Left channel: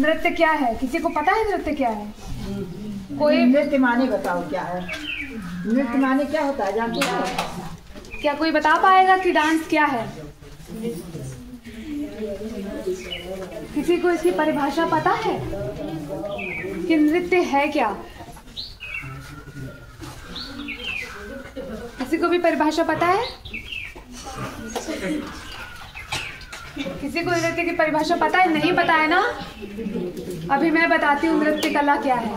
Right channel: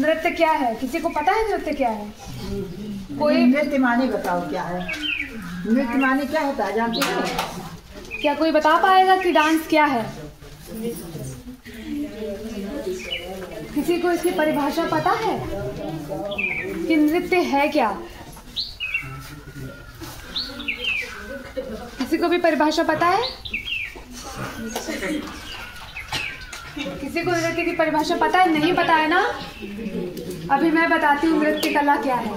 नृत्य क्या है? किसी को पता है नृत्य क्या है? कोई नृत्य माने बताओ क्या है? नृत्य माने क्या होता है जानते हो? क्या कोई बता पाएगा कि डांस क्या है? किसी को इसकी परिभाषा पता है कि नृत्य है क्या? किसी को भी परिभाषा पता है? किसी को नृत्य की परिभाषा पता है? नहीं पता है ना? अभी मैं बताती हूँ नृत्य कला क्या है।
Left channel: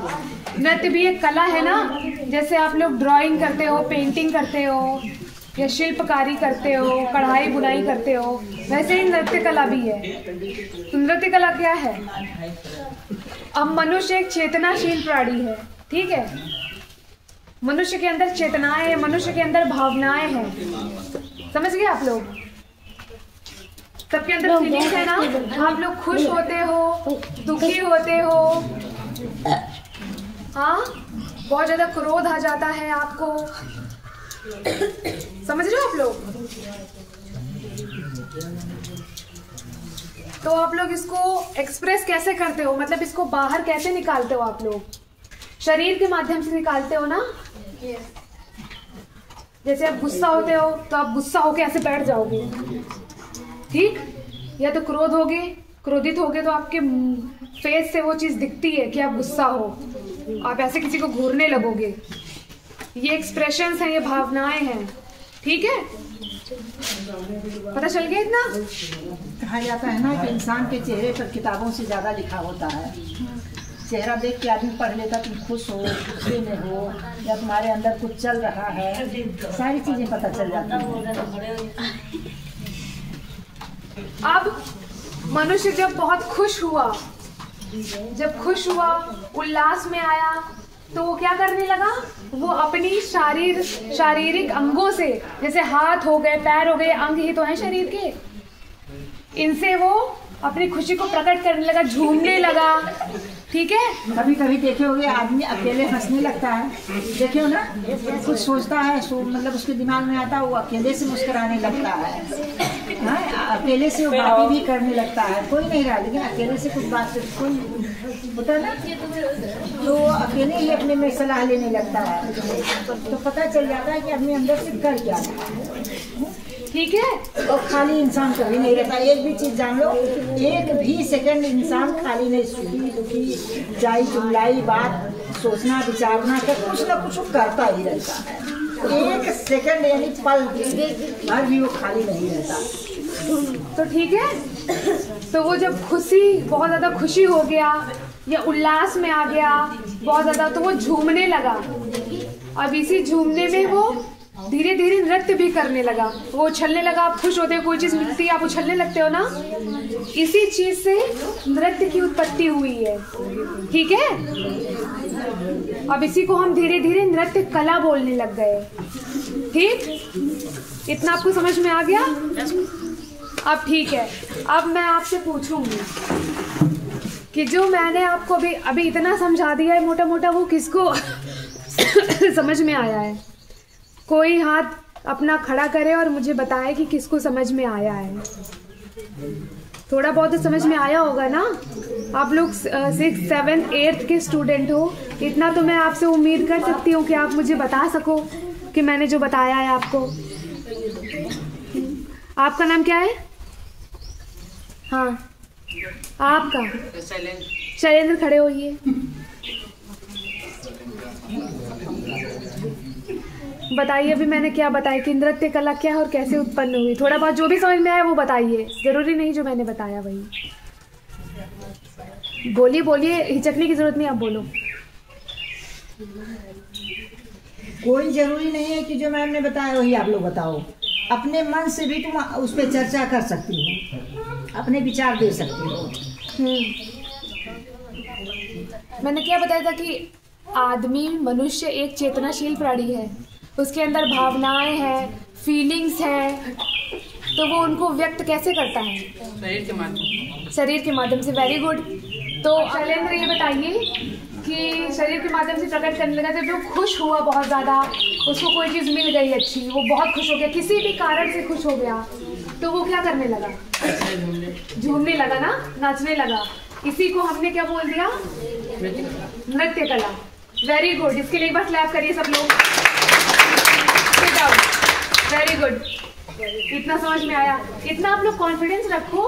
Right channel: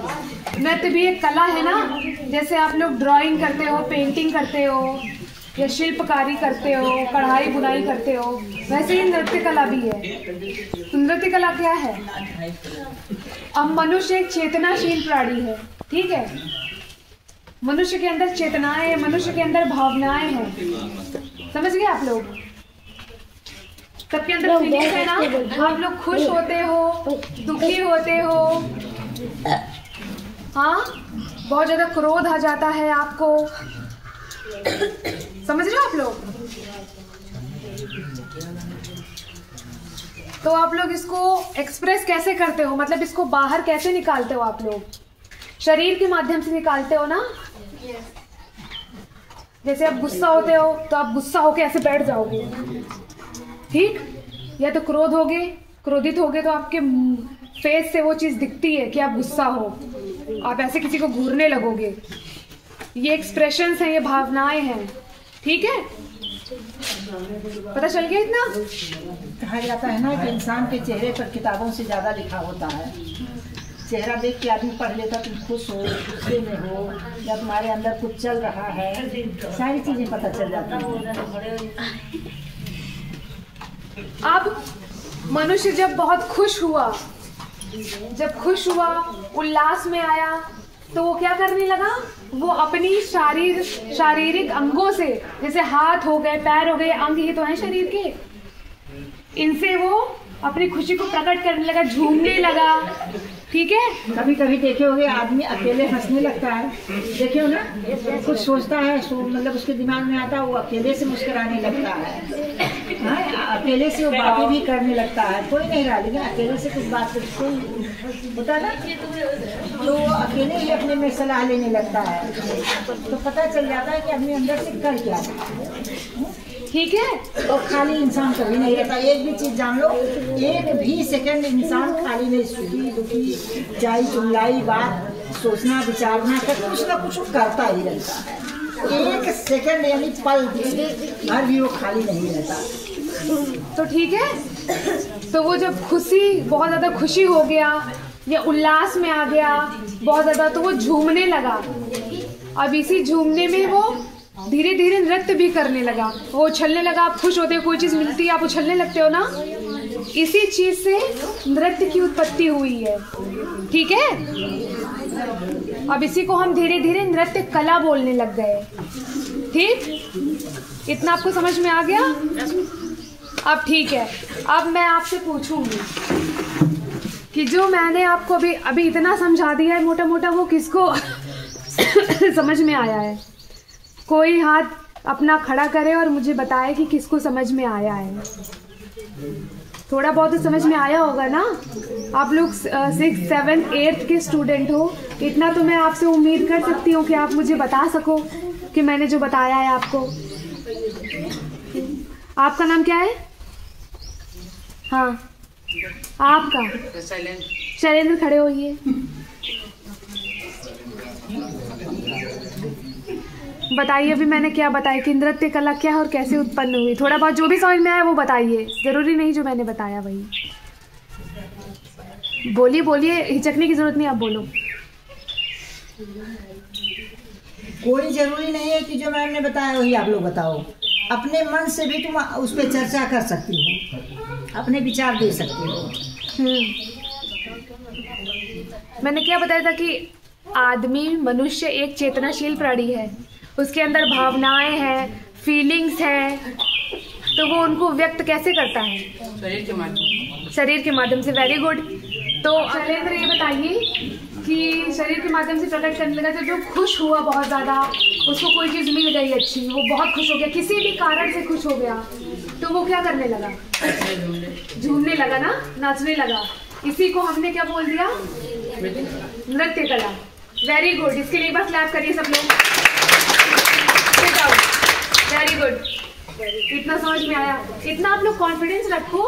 नृत्य भी एक कला है ना, जैसे आप लोग ड्राइंग करते हो, पेंटिंग करते हो या शिल्पकारी करते हो, कढ़ाई बुनाई करते हो, वैसे ही नृत्य कला भी है। तो नृत्य कला क्या है? अब मनुष्य एक चेतनाशील प्राणी है, ठीक है? मनुष्य के अंदर चेतनाएं है, मनुष्य के अंदर भावनाएं हैं। समझ गए आप लोग? सबके अंदर फीलिंग्स है ना? आप लोग खुश होते हो, दुखी होते हो, हाँ, बहुत ज्यादा क्रोध आ जाता है आपको, समझ रहे हो आप लोग? तो आप लोग इसको एक्सप्रेस कैसे करते हो, मतलब इसको बाहर कैसे निकालते हो? आप लोग शरीर के माध्यम से निकालते हो ना? जैसे आप गुस्सा होते हो तो आप गुस्सा होके ऐसे बैठ जाओगे, ठीक? या तो क्रोधित होगे तो आपके फेस से वो चीज दिखती है कि आप गुस्सा हो, आप ऐसे किसी को घूरने लगोगे। ये एक्सप्रेशंस हैं, ये भावनाएं हैं, ठीक है? पता चल गया इतना? कहा जाता है ना कि इंसान के चेहरे पर किताबों से ज्यादा लिखा होता है। चेहरा देख के आदमी पढ़ लेता, तुम खुश हो, गुस्से में हो, या तुम्हारे अंदर कुछ चल रहा है, सारी चीजें पता चल जाती हैं। अब मनुष्य जब बहुत खुश हुआ, उल्लास में आया, तो वो क्या करने लगा? वो अपनी शारीरिक अंगों से, जैसे हाथ हो गए, पैर हो गए, अंग ही तो हैं शरीर के, इनसे वो अपनी खुशी को प्रकट करने लगा, झूमने लगा, ठीक है? कभी कभी देखे होगे आदमी अकेले हंसने लगता है, देखे हो ना? कुछ सोचता है, मतलब उसके दिमाग में आता है, वो अकेले से मुस्कुराने लगता है, हाँ, अकेले से वो बातें भी करने लगता है, कोई नहीं रहा, लेकिन अकेले से कुछ बात कोई होता है ना, तो अकेले ही अपने में सलाह लेने लगता है, तो पता चल जाता है कि अपने अंदर से कर क्या है, ठीक है? तो खाली इंसान कभी नहीं रहता। एक भी चीज जान लो, एक भी सेकंड इंसान खाली नहीं, सुखी दुखी जाई जुमलाई बात सोचना विचारना कर कुछ ना कुछ करता ही रहता है। एक सेकंड यानी पल भर भी वो खाली नहीं रहता। तो ठीक है, तो वो जब बहुत ज्यादा खुशी हो गया या उल्लास में आ गया बहुत ज्यादा, तो वो झूमने लगा। अब इसी झूमने में वो धीरे धीरे नृत्य भी करने लगा, वो उछलने लगा। आप खुश होते हो, कोई चीज मिलती है, आप उछलने लगते हो ना? इसी चीज से नृत्य की उत्पत्ति हुई है, ठीक है? अब इसी को हम धीरे धीरे नृत्य कला बोलने लग गए, ठीक? इतना आपको समझ में आ गया? अब ठीक है, अब मैं आपसे पूछूंगी कि जो मैंने आपको अभी इतना समझा दिया है मोटा मोटा, वो किसको समझ में आया है? कोई हाथ अपना खड़ा करे और मुझे बताए कि किसको समझ में आया है। थोड़ा बहुत तो समझ में आया होगा ना? आप लोग 6th 7th 8th के स्टूडेंट हो, इतना तो मैं आपसे उम्मीद कर सकती हूँ कि आप मुझे बता सको कि मैंने जो बताया है आपको। आपका नाम क्या है? हाँ, आपका? शैलेंद्र, खड़े होइए। बताइए अभी मैंने क्या बताया कि नृत्य कला क्या है और कैसे उत्पन्न हुई। थोड़ा बहुत जो भी समझ में आया वो बताइए, जरूरी नहीं जो मैंने बताया वही बोलिए। बोलिए, हिचकने की जरूरत नहीं, आप बोलो। कोई जरूरी नहीं है कि जो मैंने बताया वही आप लोग बताओ। अपने मन से भी तुम उस पर चर्चा कर सकती हो, अपने विचार दे सकती हो। मैंने क्या बताया था कि आदमी, मनुष्य एक चेतनाशील प्राणी है, उसके अंदर भावनाएं हैं, फीलिंग्स हैं, तो वो उनको व्यक्त कैसे करता है? शरीर के माध्यम से। Very good. तो शैलेंद्र ये बताइए कि शरीर के माध्यम से प्रकट करने लगा, तो जो खुश हुआ बहुत ज्यादा, उसको कोई चीज मिल गई अच्छी, वो बहुत खुश हो गया, किसी भी कारण से खुश हो गया, तो वो क्या करने लगा? झूमने लगा ना, नाचने लगा। इसी को हमने क्या बोल दिया? नृत्य कला। वेरी गुड, इसके लिए बस क्लैप करिए सब लोग। वेरी गुड, इतना समझ में आया। इतना आप लोग कॉन्फिडेंस रखो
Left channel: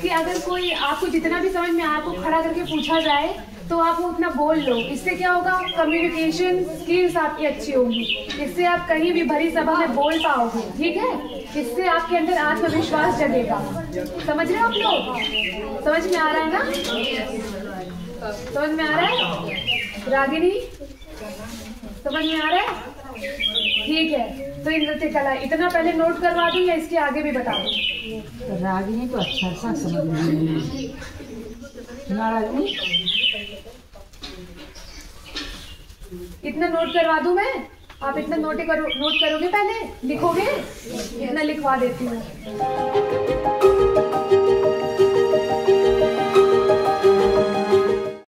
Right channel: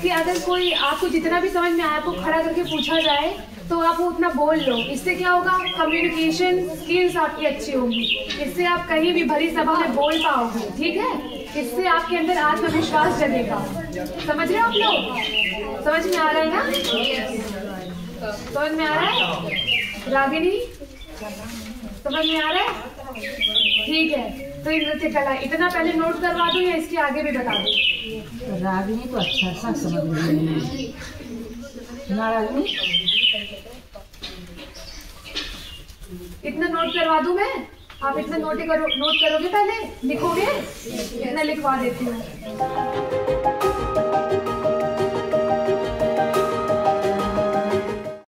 कि अगर कोई आपको जितना भी समझ में आया, आपको खड़ा करके पूछा जाए तो आप उतना बोल लो। इससे क्या होगा? कम्युनिकेशन स्किल्स आपकी अच्छी होंगी। इससे आप कहीं भी भरी सभा में बोल पाओगे, ठीक है? इससे आपके अंदर आत्मविश्वास जगेगा। समझ रहे हो आप लोग? समझ में आ रहा है ना? समझ में आ रहा है? रागिनी समझ में आ रहा है? ठीक है, तो ये नृत्य कला इतना पहले नोट करवा दूं या इसके आगे भी बता दूं? रागिनी को अच्छा सा समझ में ना रागिनी, इतना नोट करवा दूं मैं? आप इतना नोट करोगे, पहले लिखोगे? इतना लिखवा देती हूँ।